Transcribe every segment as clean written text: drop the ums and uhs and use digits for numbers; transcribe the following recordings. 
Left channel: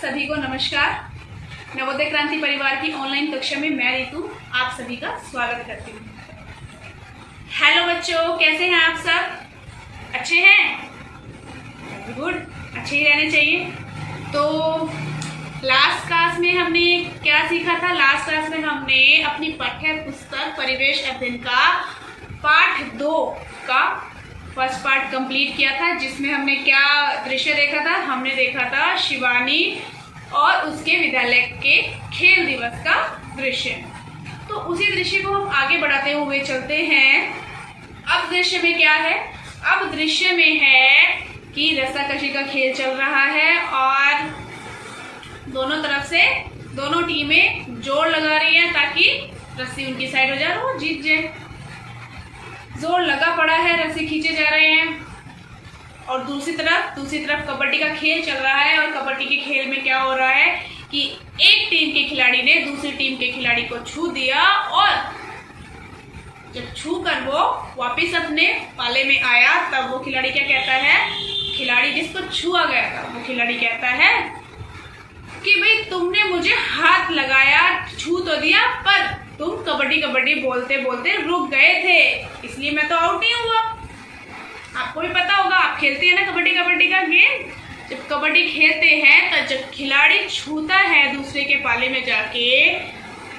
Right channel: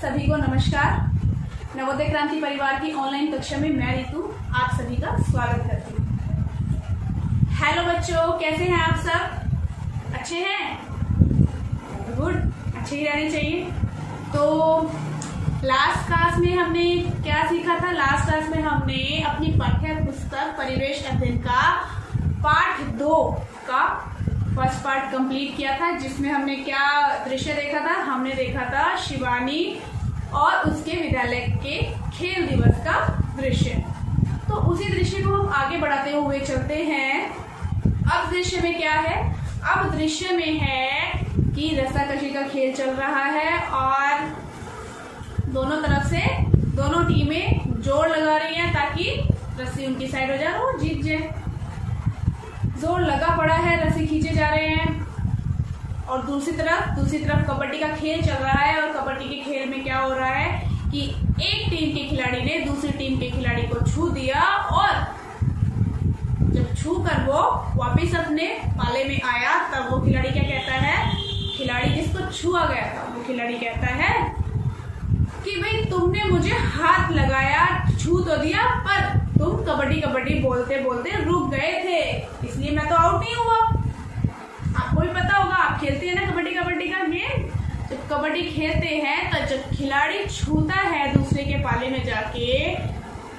सभी को नमस्कार। नवोदय क्रांति परिवार की ऑनलाइन कक्षा में मैं रितु आप सभी का स्वागत करती हूँ। हेलो बच्चों, कैसे हैं आप सब? अच्छे हैं? वेरी गुड, अच्छे ही रहने चाहिए। तो लास्ट क्लास में हमने क्या सीखा था? लास्ट क्लास में हमने अपनी पाठ्य पुस्तक परिवेश अध्ययन का पाठ 2 का फर्स्ट पार्ट कंप्लीट किया था, जिसमें हमने क्या दृश्य देखा था? हमने देखा था शिवानी और उसके विद्यालय के खेल दिवस का दृश्य। तो उसी दृश्य को हम आगे बढ़ाते हुए चलते हैं। अब दृश्य में क्या है? अब दृश्य में है कि रस्साकशी का खेल चल रहा है और दोनों तरफ से दोनों टीमें जोर लगा रही हैं ताकि रस्सी उनकी साइड हो जाए और वो जीत जाए। जोर लगा पड़ा है, रस्सी खींचे जा रहे हैं। और दूसरी तरफ कबड्डी का खेल चल रहा है। और कबड्डी के खेल में क्या हो रहा है कि एक टीम के खिलाड़ी ने दूसरी टीम के खिलाड़ी को छू दिया और जब छू कर वो वापस अपने पाले में आया तब वो खिलाड़ी क्या कहता है? खिलाड़ी जिसको छुआ गया था वो खिलाड़ी कहता है कि भाई तुमने मुझे हाथ लगाया, छू तो दिया, पर तुम कबड्डी बोलते बोलते रुक गए थे, इसलिए मैं तो आउट नहीं हुआ। आपको भी पता होगा, आप खेलते हैं ना कबड्डी का गेम। जब कबड्डी खेलते हैं तो जब खिलाड़ी छूता है दूसरे के पाले में जाके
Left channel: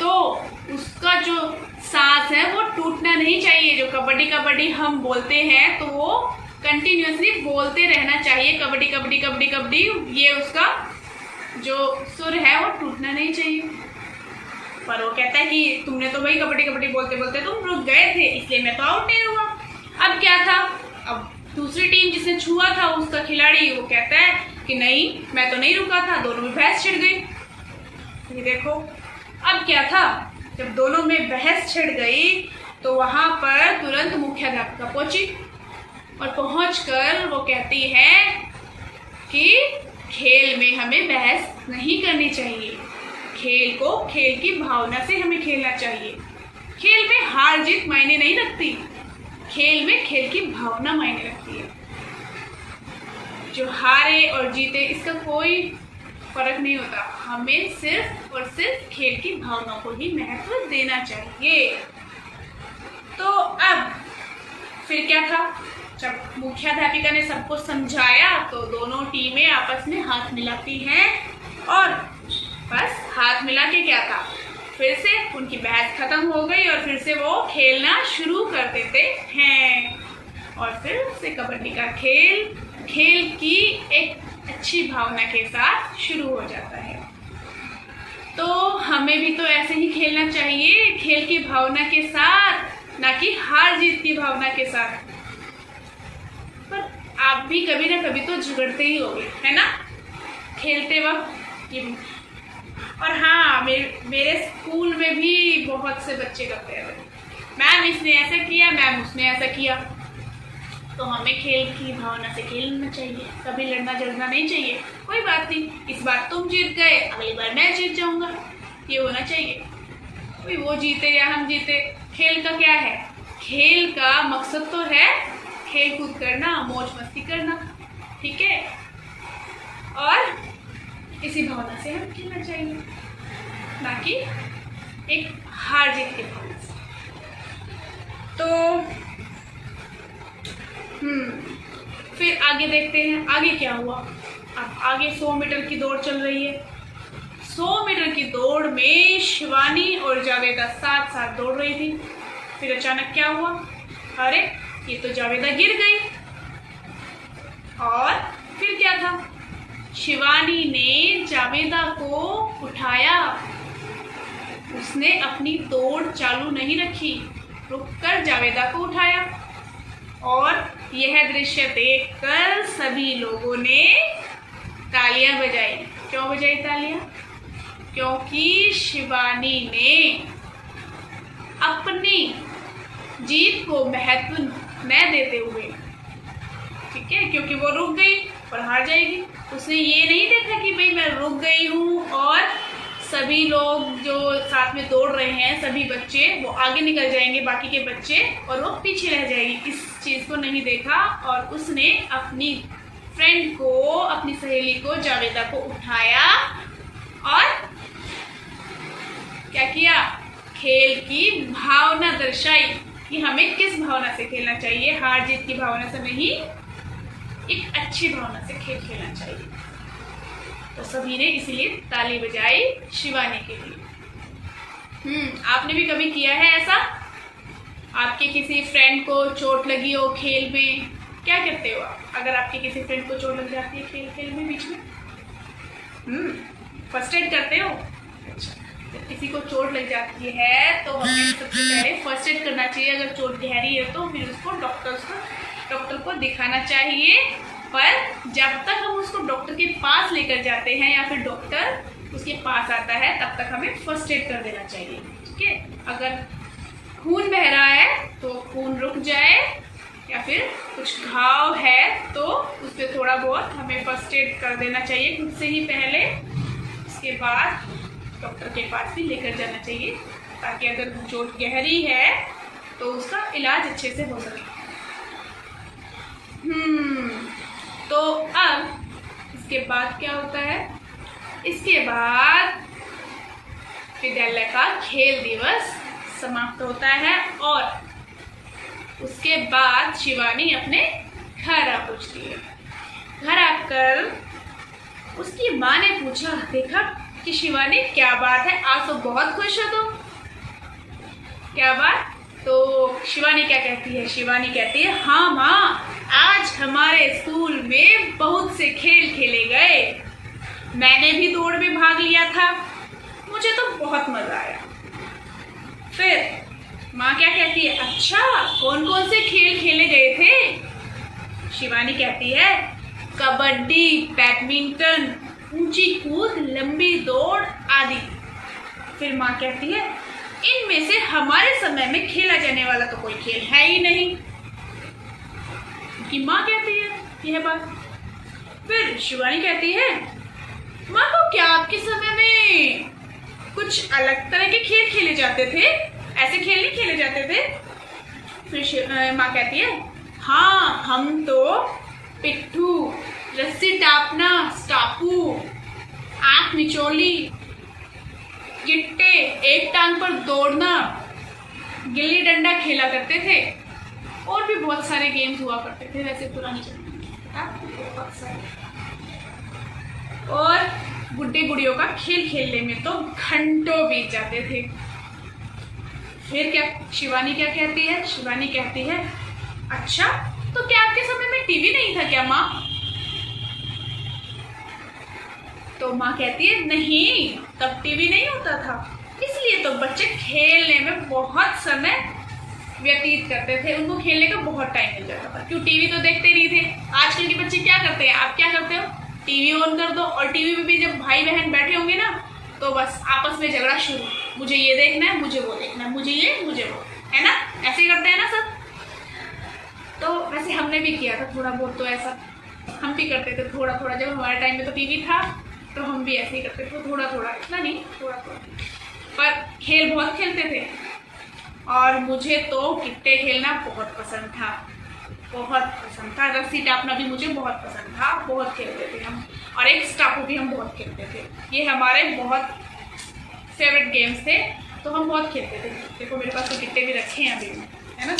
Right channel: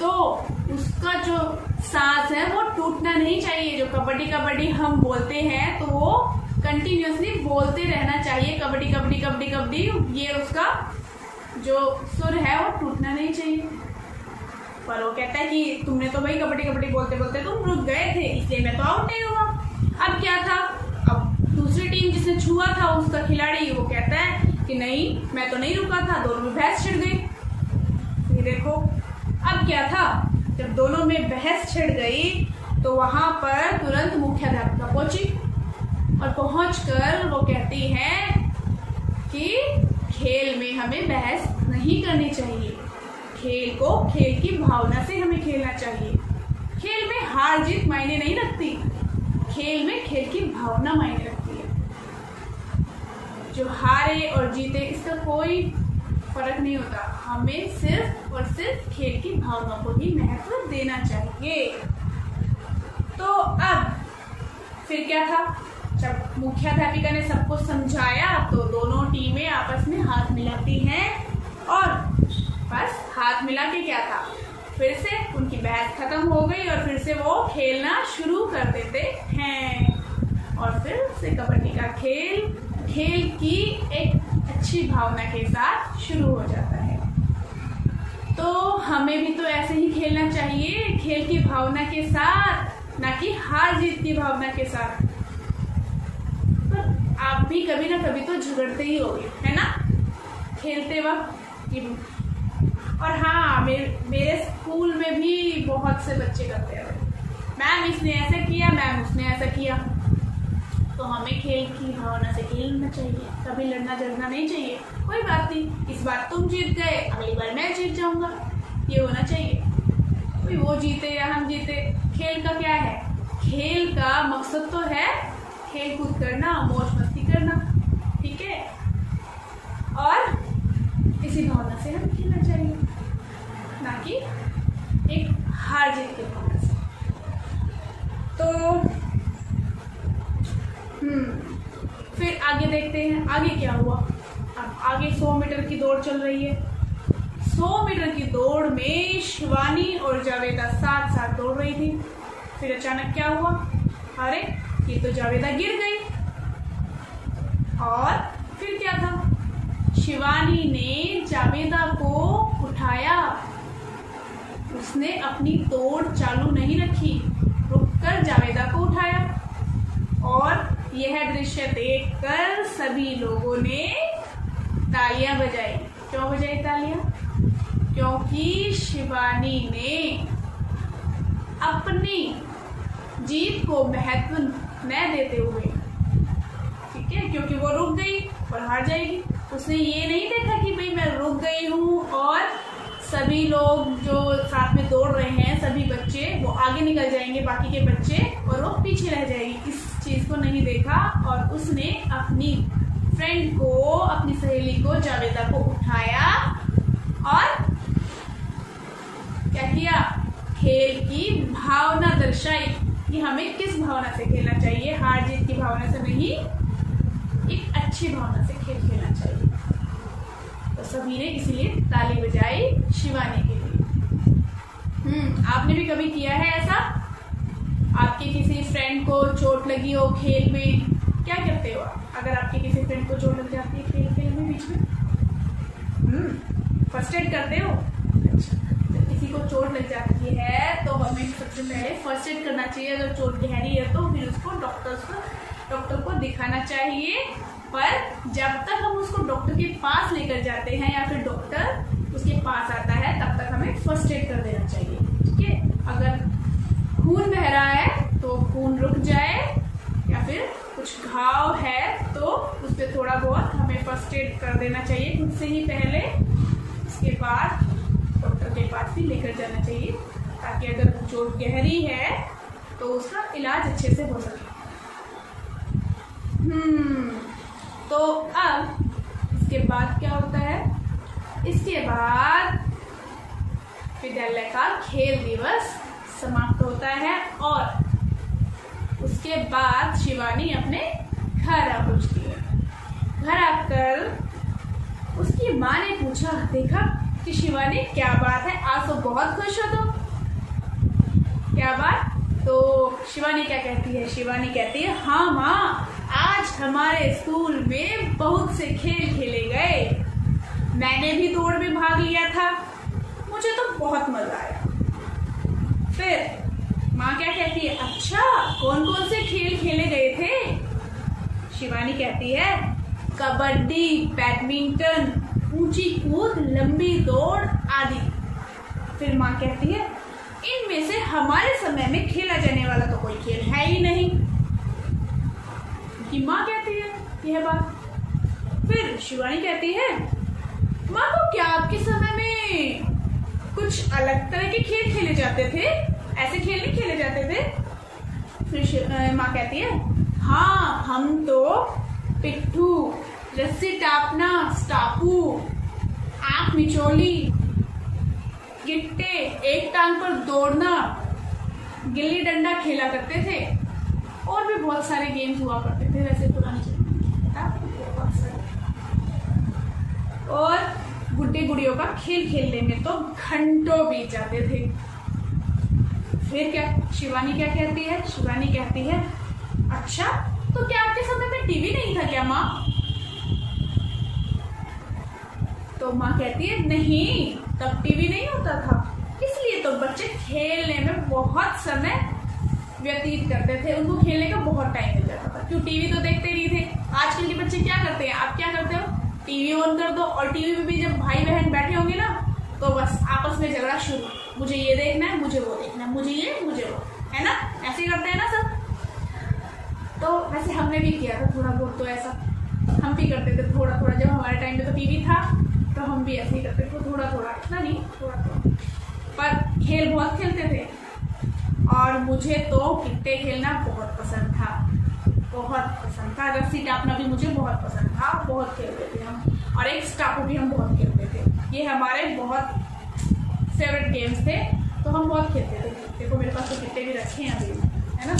तो उसका जो सांस है वो टूटना नहीं चाहिए। जो कबड्डी हम बोलते हैं तो वो कंटिन्यूअसली बोलते रहना चाहिए, कबड्डी। ये उसका जो सुर है वो टूटना नहीं चाहिए। पर वो कहता है कि तुमने तो भाई कबड्डी बोलते बोलते तुम रुक गए थे, इसलिए मैं तो आउट नहीं हुआ। अब क्या था? अब दूसरी टीम जिसने छुआ था उसका खिलाड़ी वो कहता है कि नहीं, मैं तो नहीं रुका था। दोनों में बहस छिड़ गई। ये देखो, अब क्या था? जब दोनों में बहस छिड़ गई तो वहां पर तुरंत मुख्याध्यापिका पहुंची और पहुंचकर वो कहती है कि खेल में हमें बहस नहीं करनी चाहिए। खेल को खेल की भावना से हमें खेलना चाहिए। खेल में हार जीत मायने नहीं रखती, खेल में खेल की भावना मायने रखती है। जो हारे और जीते इसका कोई फर्क नहीं होता, हमें सिर्फ और सिर्फ खेल की भावना को ही महत्व देना चाहिए। तो अब फिर क्या था? जब मुख्याध्यापिका ने सबको समझाया तो दोनों टीमें आपस में हाथ मिलाती हैं और बस हाथ मिला के क्या था, फिर से उनकी बहस खत्म हो गई और फिर से वो खेलना शुरू कर देते हैं। और फिर से कबड्डी का खेल की एक अच्छी भावना के साथ शुरू हो जाता है। तो हमें भी तो ऐसे ही खेलना चाहिए, खेल की भावना के साथ, ना कि हार जीत की भावना के साथ। पर आप भी कभी ना कभी तो झगड़ते ही होंगे, है ना, खेलते वक्त। और हाँ, मेरे स्कूल में भी बहुत से बच्चे करते हैं, मैम इसने ऐसा किया, मैम उसने ऐसा किया। तो हमें खेल की भावना से खेलना चाहिए, कभी लड़ना झगड़ना नहीं चाहिए। कोई बात नहीं, इस बार तुम जीत गए, अगली बार मैं जीत जाऊंगा, ये होना चाहिए। कोई वो जीते या हम जीते, खेल का क्या है? खेल का मकसद तो है खेल कूद करना, मौज मस्ती करना, ठीक है। और इसी भावना से हमें खेलना चाहिए, ना कि एक हार जीत की भावना से। तो फिर आगे देखते हैं आगे क्या हुआ। अब आगे 100 मीटर की दौड़ चल रही है। 100 मीटर की दौड़ में शिवानी और जावेदा साथ दौड़ रही थी। फिर अचानक क्या हुआ? अरे ये तो जावेदा गिर गई। और फिर क्या था? शिवानी ने जावेदा को उठाया। उसने अपनी दौड़ चालू नहीं रखी, रुककर जावेदा को उठाया। और यह दृश्य देखकर सभी लोगों ने तालियां बजाई। क्यों बजाई तालियां? क्योंकि शिवानी ने अपनी जीत को महत्व न देते हुए, ठीक है, क्योंकि वो रुक गई और हार जाएगी, उसने ये नहीं देखा कि भाई मैं रुक गई हूँ और सभी लोग जो साथ में दौड़ रहे हैं, सभी बच्चे वो आगे निकल जाएंगे, बाकी के बच्चे, और वो पीछे रह जाएगी। इस चीज़ को नहीं देखा और उसने अपनी फ्रेंड को, अपनी सहेली को, जावेदा को उठाया और क्या किया, खेल की भावना दर्शाई कि हमें किस भावना से खेलना चाहिए, हार जीत की भावना से नहीं, एक अच्छी भावना से खेल खेलना चाहिए। तो सभी ने इसीलिए ताली बजाई शिवानी के लिए। आपने भी कभी किया है ऐसा? आपके किसी फ्रेंड को चोट लगी हो खेल में, क्या करते हो आप अगर आपके किसी फ्रेंड को चोट लग जाती है खेल में बीच में? फर्स्ट एड करते हो? अच्छा, तो किसी को चोट लग जाती है तो हमें सबसे पहले फर्स्ट एड करना चाहिए। अगर चोट गहरी है तो फिर उसको डॉक्टर को दिखाना चाहिए। पर जब तक हम उसको डॉक्टर के पास लेकर जाते हैं या फिर डॉक्टर उसके पास आता है तब तक हमें फर्स्ट एड कर देना चाहिए। ठीक है, अगर खून बह रहा है तो खून रुक जाए या फिर कुछ घाव है तो उस पर थोड़ा बहुत हमें फर्स्ट एड कर देना चाहिए खुद से ही पहले। उसके बाद डॉक्टर के पास भी लेकर जाना चाहिए ताकि अगर चोट गहरी है तो उसका इलाज अच्छे से हो सके। तो अब इसके बाद क्या होता है? इसके बाद विद्यालय का खेल दिवस समाप्त होता है और उसके बाद शिवानी अपने घर आ पहुंचती है। घर आकर उसकी माँ ने पूछा, देखा कि शिवानी क्या बात है, आज तो बहुत खुश हो तुम, क्या बात? तो शिवानी क्या कहती है? शिवानी कहती है, हाँ माँ, आज हमारे स्कूल में बहुत से खेल खेले गए, मैंने भी दौड़ में भाग लिया था, मुझे तो बहुत मजा आया। फिर माँ क्या कहती है, अच्छा कौन कौन से खेल खेले गए थे? शिवानी कहती है, कबड्डी, बैडमिंटन, ऊंची कूद, लंबी दौड़ आदि। फिर माँ कहती है, इनमें से हमारे समय में खेला जाने वाला तो कोई खेल है ही नहीं। कि माँ कहती है यह बात। फिर शिवानी कहती है, माँ को क्या आपके समय में कुछ अलग तरह के खेल खेले जाते थे? ऐसे खेल नहीं खेले जाते थे? फिर माँ कहती है, हाँ, हम तो पिट्ठू, रस्सी टापना, स्टापू, आंख मिचोली, गिट्टे, एक टांग पर दौड़ना, गिल्ली डंडा खेला करते थे और भी बहुत सारे गेम्स हुआ करते थे वैसे पुरानी जमाने बहुत सारे। और गुड्डे गुड़ियों का खेल खेलने में तो घंटों बीत जाते थे। फिर क्या शिवानी क्या कहती है? शिवानी कहती है, अच्छा तो क्या आपके समय में टीवी नहीं था क्या माँ? तो माँ कहती है, नहीं, तब टीवी नहीं होता था, इसलिए तो बच्चे खेलने में बहुत समय व्यतीत करते थे, उनको खेलने का बहुत टाइम मिल जाता था। क्यों? टीवी तो देखते नहीं थे। आजकल के बच्चे क्या करते हैं? आप क्या करते हो? टीवी ऑन कर दो और टीवी में भी जब भाई बहन बैठे होंगे ना तो बस आपस में झगड़ा शुरू, मुझे ये देखना है, मुझे वो देखना है, मुझे ये, मुझे वो, है ना? ऐसे ही करते हैं ना सब। तो वैसे हमने भी किया था थोड़ा बहुत, तो ऐसा हम भी करते थे थोड़ा थोड़ा। जब हमारे टाइम में तो टीवी था तो हम भी ऐसे ही करते थे थोड़ा थोड़ा, इतना नहीं, थोड़ा थोड़ा। पर खेल बहुत खेलते थे और मुझे तो गिट्टे खेलना बहुत पसंद था, बहुत पसंद था। रस्सी टापना भी मुझे बहुत पसंद था, बहुत खेलते थे हम। और एक स्टापू भी हम बहुत खेलते थे। ये हमारे बहुत फेवरेट गेम्स थे, तो हम बहुत खेलते थे। देखो मेरे पास तो गिट्टे भी रखे हैं अभी, है ना?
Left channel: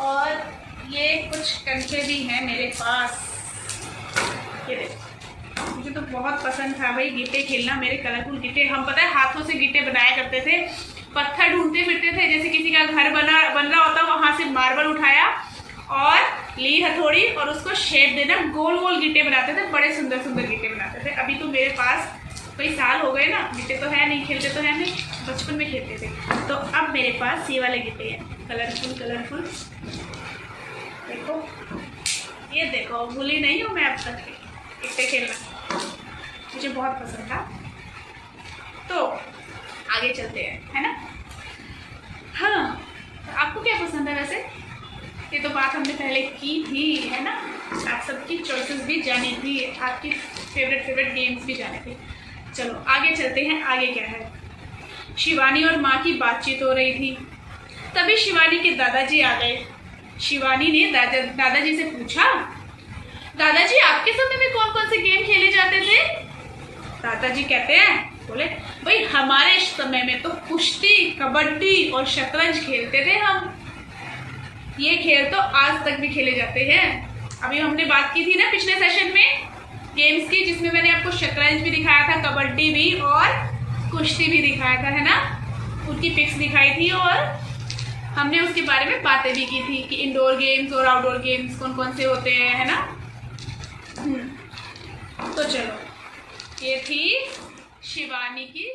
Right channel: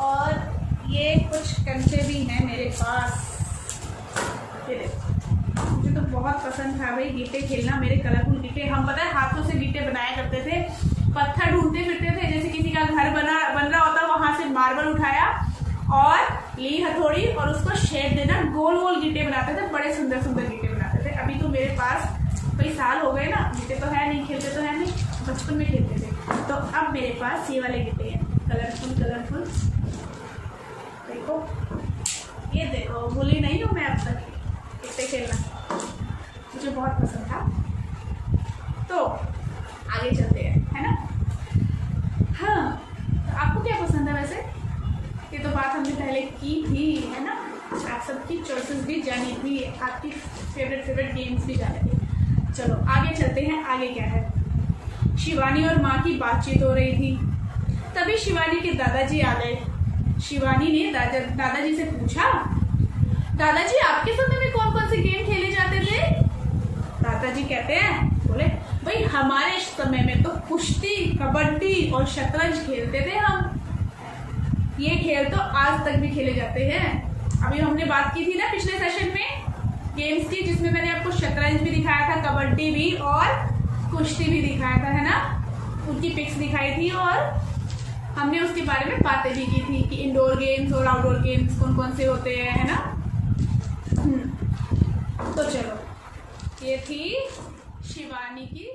और ये कुछ कंचे भी हैं मेरे पास, ये देखो। मुझे तो बहुत पसंद था भाई गिट्टे खेलना, मेरे कलरफुल गिट्टे। हम पता है हाथों से गिट्टे बनाया करते थे, पत्थर ढूंढते फिरते थे। जैसे किसी का घर बन रहा होता, वहां से मार्बल उठाया और ली हथौड़ी और उसको शेप देना, गोल गोल गिट्टे बनाते थे, बड़े सुंदर सुंदर गिट्टे बनाते थे। अभी तो मेरे पास कई साल हो गए ना, गिट्टे तो है नहीं, खेलते तो है नहीं, बचपन में खेलते थे। तो अब मेरे पास ये वाले गिट्टे हैं, कलरफुल कलरफुल। देखो, ये देखो, भूली नहीं हूँ मैं अब तक गिट्टे खेलना, मुझे बहुत पसंद था। तो आगे चलते हैं, है ना? हाँ, तो आपको क्या पसंद है वैसे? ये तो बात हमने पहले की थी, है ना? आप सबकी चॉइसेस भी जानी थी, आपकी फेवरेट गेम्स भी जाने थे। चलो आगे चलते हैं। आगे क्या है? शिवानी और माँ की बातचीत हो रही थी, तभी शिवानी के दादाजी आ गए। शिवानी ने दादाजी से पूछा, दादाजी आपके समय में कौन कौन से गेम खेले जाते थे? दादाजी कहते हैं, बोले भाई हमारे समय में तो कुश्ती, कबड्डी और शतरंज खेलते थे हम। ये खेल तो आज तक भी खेले जाते हैं। अभी हमने बात की थी ना पिछले सेशन में गेम्स की, जिसमें मैंने आपको शतरंज भी दिखाया था, कबड्डी भी और कुश्ती भी दिखाया था, है ना। उनकी पिक्स दिखाई थी और हमने उसके बारे में बातें भी की थी कि इंडोर गेम्स और आउटडोर गेम्स कौन कौन से होते हैं, है ना। तो चलो, ये थी शिवानी की